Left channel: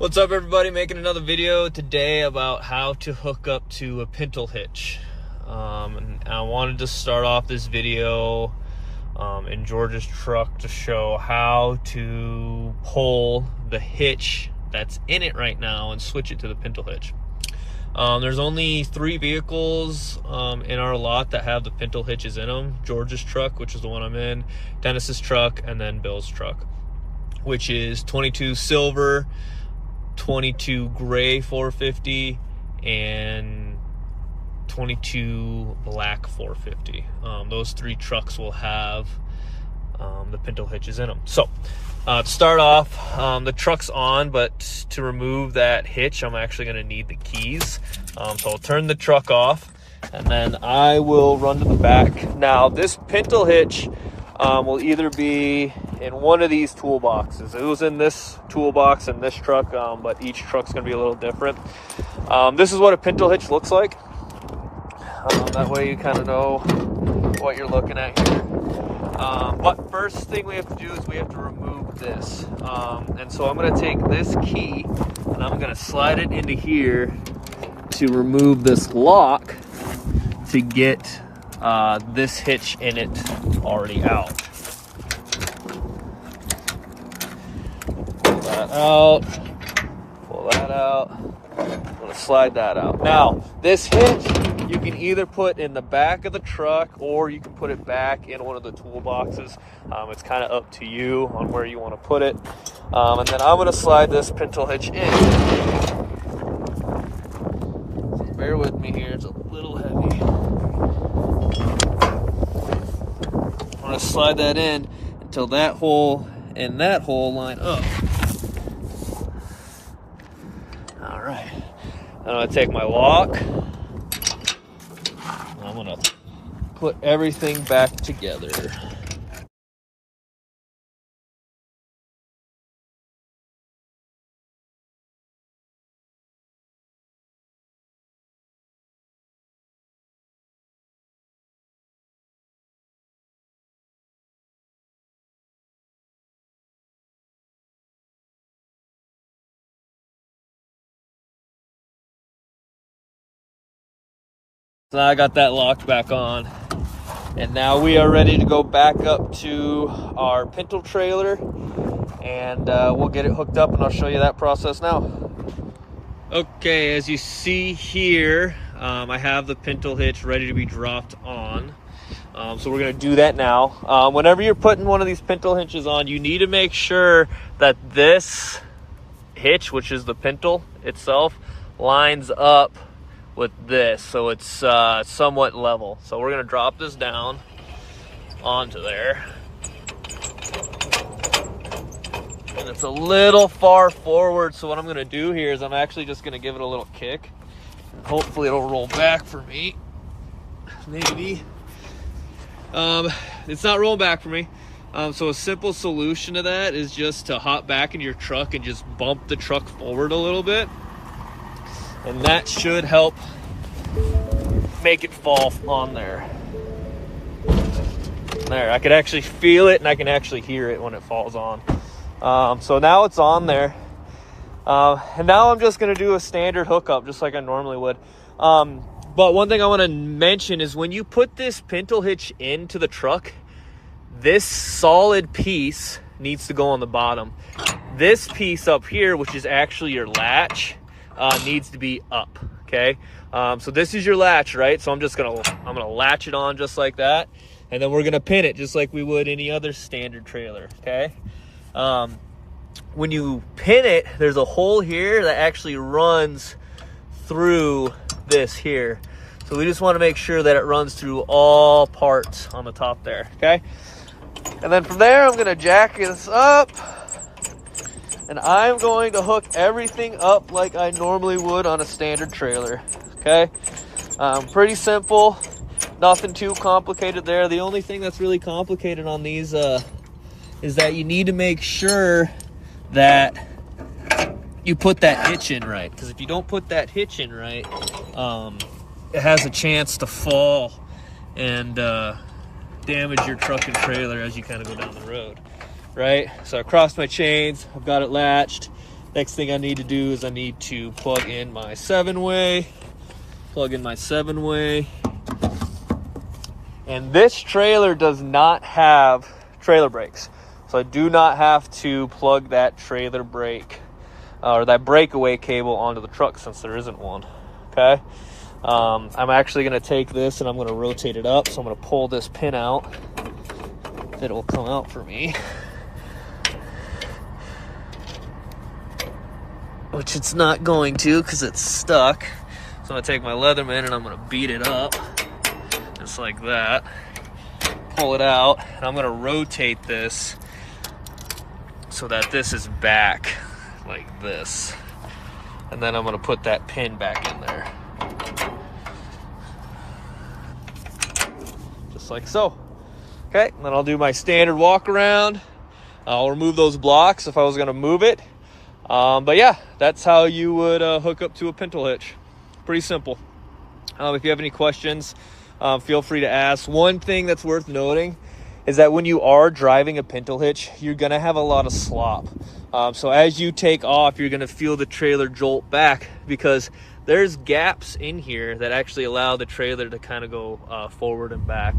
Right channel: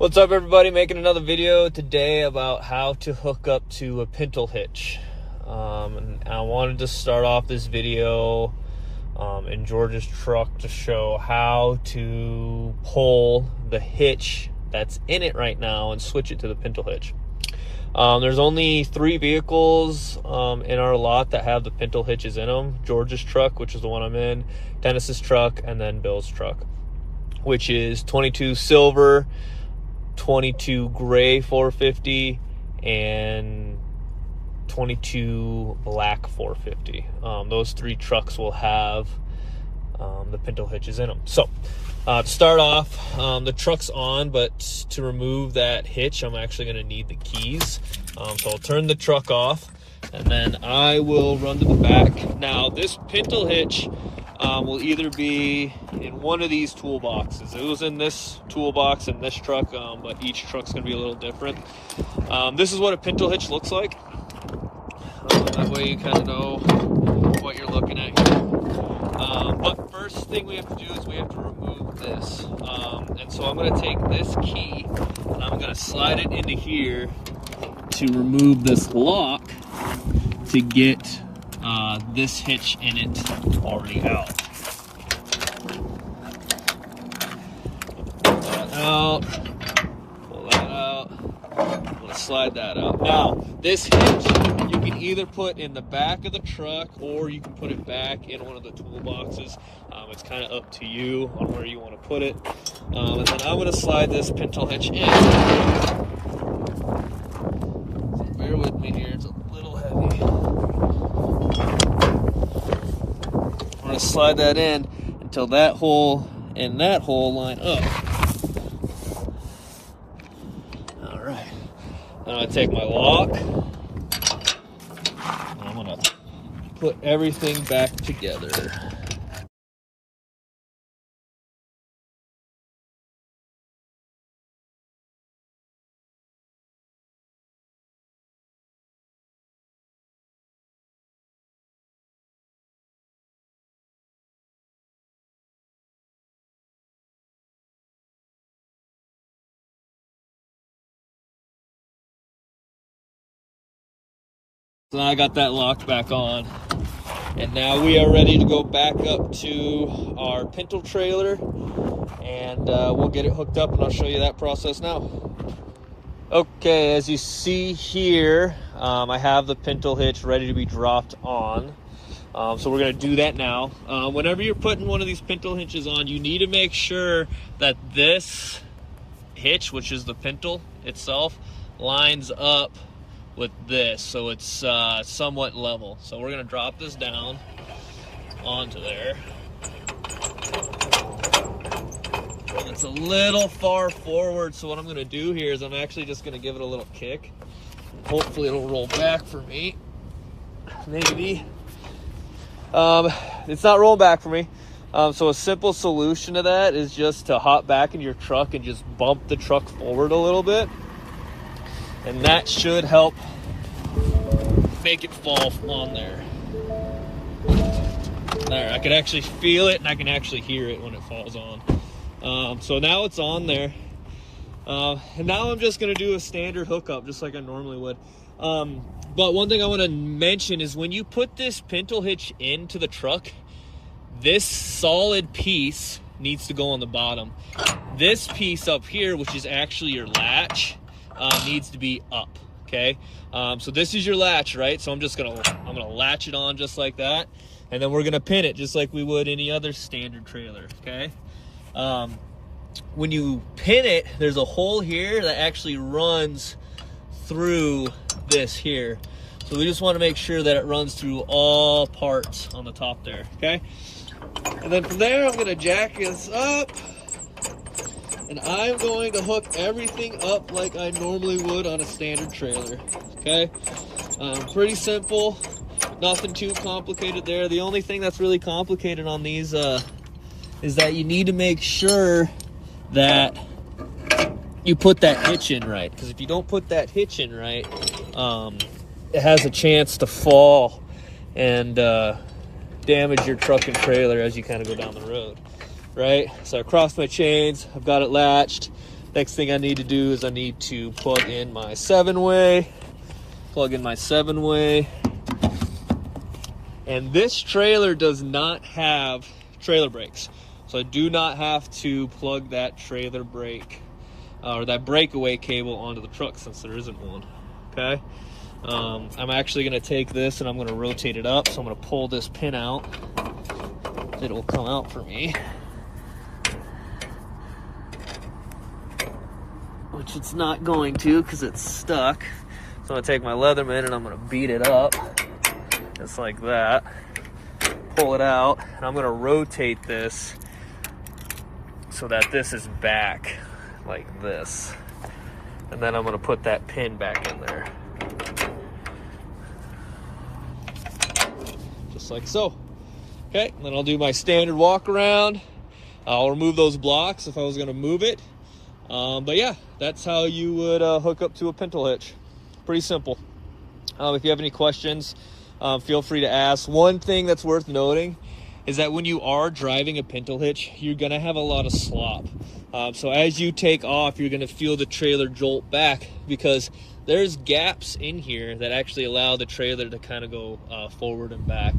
What's up, everybody? Making another video today about how to hook up to a Pintle Hitch. And I wanted to start off this video in George's truck to show how to pull the hitch that's in it right now and switch it to the Pintle Hitch. There's only 3 vehicles in our lot that have the Pintle hitches in them. George's truck, which is the one I'm in, Dennis's truck, and then Bill's truck, which is 22 silver, 22 gray 450, and 22 black 450. Those 3 trucks will have the Pintle hitches in them. So to start off, the truck's on, but to remove that hitch, I'm actually going to need the keys. So I'll turn the truck off, and then I will run to the back. Now, this Pintle hitch will either be in one of these toolboxes. It was in this toolbox in this truck, but each truck's gonna be a little different. This is what a Pintle hitch looks like. That way you kind of know what you're looking at here. But first thing we have to do is we have to remove this. And so I'm gonna take this key and I'm gonna slide it into here to remove this lock to get this hitch in it already out. Pull that out, pull that out. I'm gonna slide that out. Now, this hitch you can either put in the back of the truck or you can put it back in one of the toolboxes. It's kind of up to you on where you want to put it. And then I'm gonna slide this Pintle hitch in. So bear with me here, it's a little heavy. I'm gonna slide that in until that hole and that hole line up. All right, I'm gonna take my lock and I'm gonna put everything back together. So now I got that locked back on, and now we are ready to go back up to our Pintle trailer, and we'll get it hooked up and I'll show you that process now. Okay, as you see here, I have the Pintle hitch ready to be dropped on. So we're gonna do that now. Whenever you're putting one of these Pintle hitches on, you need to make sure that this hitch, which is the Pintle itself, lines up with this, so it's somewhat level. So we're gonna drop this down onto there, and it's a little far forward, so what I'm gonna do here is I'm actually just gonna give it a little kick. Hopefully it'll roll back for me. Maybe. It's not rolling back for me. So a simple solution to that is just to hop back in your truck and just bump the truck forward a little bit. And that should help make it fall on there. There, I can actually feel it and I can actually hear it when it falls on. So now it's on there. And now I'm just gonna do a standard hookup just like I normally would. But one thing I wanna mention is when you put this Pintle hitch into the truck, this solid piece needs to go on the bottom. This piece up here, which is actually your latch, needs to be up, okay? So this is your latch, right? So I'm gonna latch it on just like that, and then we're gonna pin it just like we would any other standard trailer, okay? When you pin it, there's a hole here that actually runs through this here. So we just wanna make sure that it runs through all parts on the top there, okay? And then from there, I'm gonna jack this up, and I'm going to hook everything up like I normally would on a standard trailer, okay? Pretty simple, nothing too complicated there. The only thing that's really complicated on these is that you need to make sure that you put that hitch in right, because if you don't put that hitch in right, it has a chance to fall and damage your truck and trailer as you kind of go down the road, right? So I crossed my chains, I've got it latched, Next thing I need to do is I need to plug in my 7-way. And this trailer does not have trailer brakes. So I do not have to plug that trailer brake or that breakaway cable onto the truck since there isn't one, okay? I'm actually gonna take this and I'm gonna rotate it up. So I'm gonna pull this pin out. It will come out for me. Which it's not going to because it's stuck. So I'm gonna take my Leatherman and I'm gonna beat it up. Just like that. Pull it out, and I'm gonna rotate this so that this is back like this. And then I'm gonna put that pin back in there. Just like so. Okay, and then I'll do my standard walk around. I'll remove those blocks if I was gonna move it. But yeah, that's how you would hook up to a Pintle hitch. Pretty simple. If you have any questions, feel free to ask. One thing that's worth noting is that when you are driving a Pintle hitch, you're gonna have a lot of slop. So as you take off, you're gonna feel the trailer jolt back because there's gaps in here that actually allow the trailer to kind of go forward and back.